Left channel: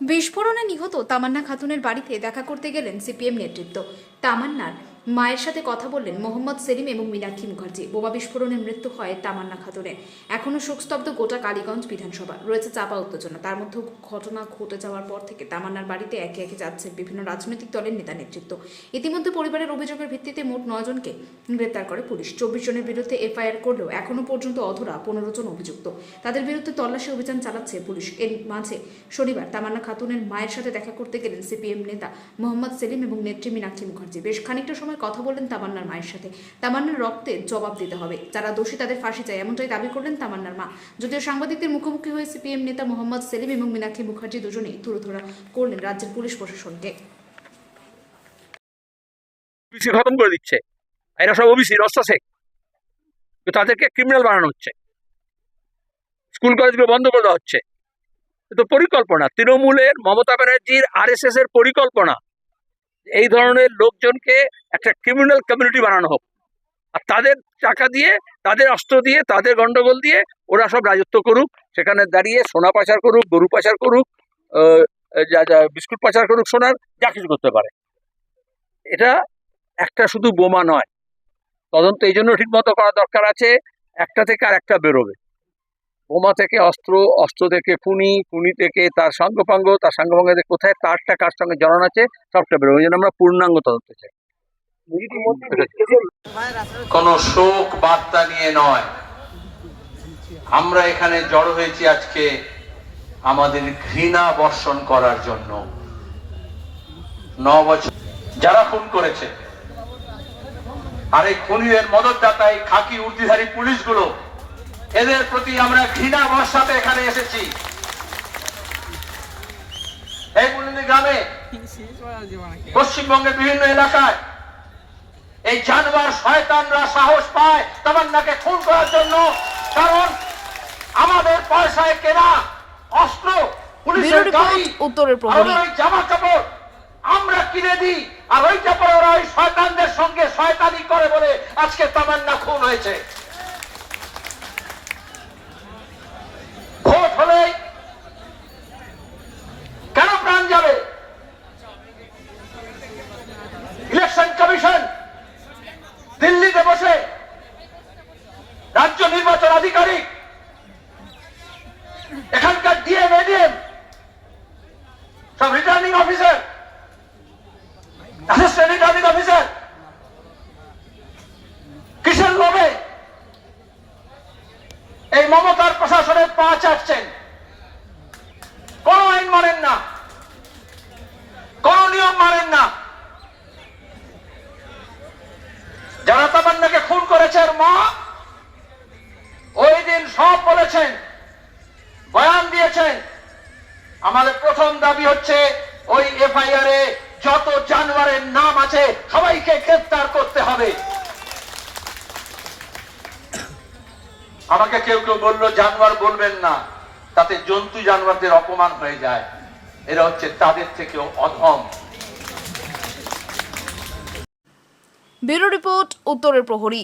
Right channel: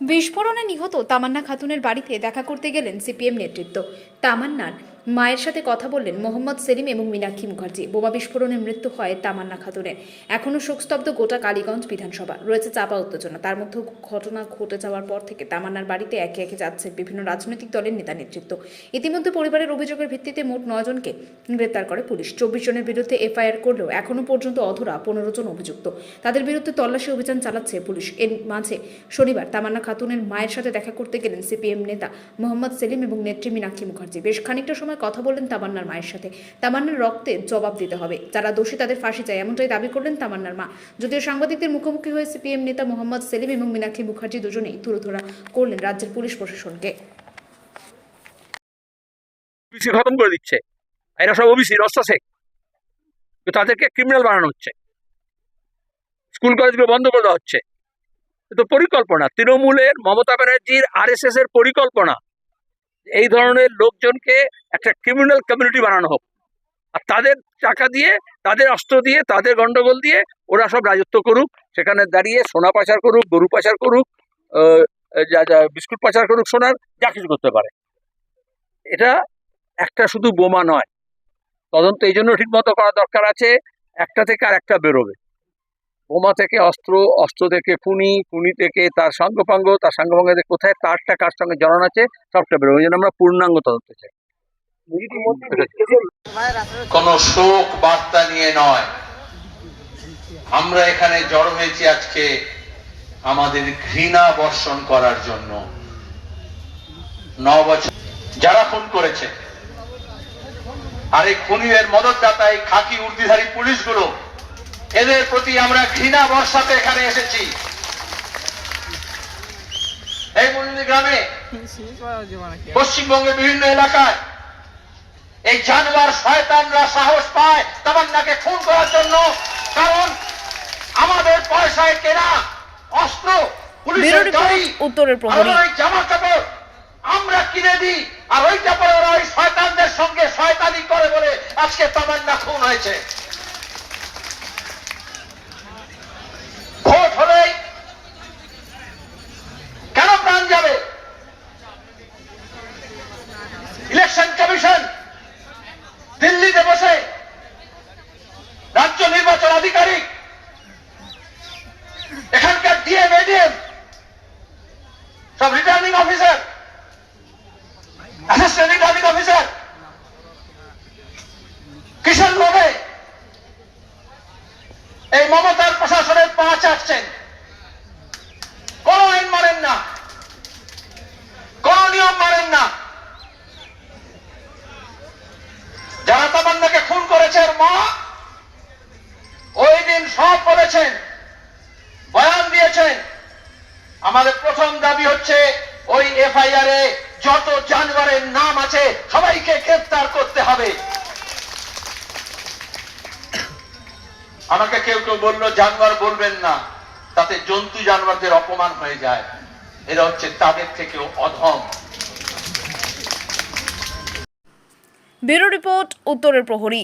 বিস্ফোরণে নিহত তামান্না খাতুনের বাড়িতে দেখা করতে গেলেন সিপিএম নেতৃত্ব। তামান্নার মায়ের সাথে কথা বললেন মোহাম্মদ সেলিম এবং মীনাক্ষী মুখার্জি। বোমা বিস্ফোরণে মৃত্যু হয় তামান্না খাতুনের এখনও শোকস্তব্ধ গোটা কালীগঞ্জ বিধানসভা। রয়েছে চাপা উত্তেজনা। তার মধ্যে ঘটনা ঘটে যাওয়ার পর থেকে তামান্নার বাড়িতে একে একে যাচ্ছে বিভিন্ন রাজনৈতিক দলের নেতা নেতৃত্ব। ইতিমধ্যে পরিবারের অভিযোগের ভিত্তিতে মোট নয় জনকে গ্রেপ্তার করে পুলিশ। চব্বিশ জনের বিরুদ্ধে এফআইআর করলেও এখনও পর্যন্ত অধরা পনেরো জন অভিযুক্ত। তাদের বিরুদ্ধে তল্লাশি অভিযান চালাচ্ছে পুলিশ। এর মাঝে শনিবার তামান্না খাতুনের মায়ের সাথে দেখা করতে গেলেন সিপিএম নেতা মোহাম্মদ সেলিম এবং নেত্রী মীনাক্ষী মুখার্জি। বেশ খানিকটা সময় কথা বললেন তামান্নার মায়ের সাথে। তামান্নার রক্তে জবাব দিতে হবে। যারা দোষী তাদের ফাঁসি চায়, এমনটাই দাবি করলেন তামান্নার মা। যদিও সাংবাদিকদের মুখোমুখি হয়ে সিপিএম নেতা মোহাম্মদ সেলিম এবং মীনাক্ষী মুখার্জি দুজনেই তুরুধরা করলেন রাজ্যের পুলিশ প্রশাসনকে। খতম করে দিচ্ছে। এরা সব ওবিসি রস্তা শেখ তো তাদেরকে ক্রিমিনাল বানানো হচ্ছে। স্কুল কলেজগুলো বন্ধ করে দেওয়া হচ্ছে। তো পরিকল্পনা। তৃণমূলের মমতা ব্যানার্জির আর এর পরিকল্পনা। এই ধরনের লোকজনকে একটা ক্রিমিনাল কমিউনিটি বানানো হোক। আর তাদের টাকা দিয়ে, তাদের অস্ত্র দিয়ে, তাদের গন্ডগোল দিয়ে ওরা সব রাজত্ব করুক। সেখানে দাঁড়িয়ে সোনা পাচার করুক, গরু পাচার করুক যা যা, বিস্কুট পাচার করুক, সোনার যা কিছু করতে পারে। এটা একটা শুধু বোমা নয়। তদন্ত এই জন্য ঠিক মতো করা দরকার আছে। একটা থেকে আর একটা বেরোবে। বোমা থেকে অস্ত্র অস্ত্র থেকে খুনি খুনি থেকে তার সঙ্গপাঙ্গ তার সঙ্গপাঙ্গ থেকে কোথায় তারটা কার সঙ্গে জড়ান আছে সবটা বেরোবে এই জন্য আমরা পূর্ণাঙ্গ তদন্ত চাই। কোন শোক বার্তা নিয়ে নয়। আমরা এখানে জড়ো হয়েছি আজকে আমাদের ঘৃণা বর্ষণ করার জন্য। ন বছর। যারা খুন করেছে। আর এই খুনিদের মদতদাতা এই খাকি উর্দিধারী পুলিশগুলো এদের প্রতি আমরা ঘৃণা বর্ষাতে এখানে এসেছি। এই গ্রামে পশ্চিমবঙ্গের বিভিন্ন এলাকায় এই জানোয়ার শয়তানরা সাহস পায় তামান্নাকে খুন করার জন্য কারণ আমাদের পয়সায় কেনা অস্ত্র উত্তরের প্রহরী। জামা কাপড় আমরা কিনে দিই আর ওইটা পরে ওরা ওই শয়তানদের সঙ্গে শয়তানি করে বলে আজকে তামান্না খুন হয়েছে। বসে। রাজ্য নির্বাচন আধিকারিক এখানকার ডিএম এডিএম সব returning officer assistant returning officer কিসের লোভে এই মমতার প্রশাসনের পা চাটছেন কোন আইন মানেন না কোন নিয়ম মানেন না যারা তামান্নাকে খুন করেছে ওর মা, ওই দিন সব বলেছেন, বয়ান দিয়েছেন। আমাদের প্রথম দাবি হচ্ছে, ওই এফআইআর এ যত জানোয়ারের নাম আছে, সবাইকে গ্রেফতার করতে হবে। আমাকে কেউ কেউ বলল, জানোয়ার বলবেন না, তাতে জন্তু জানোয়ারদের অপমান হয়ে যায়। এরা হচ্ছে তাদের থেকেও অধম। ব্যুরো রিপোর্ট, উত্তরের প্রহরী।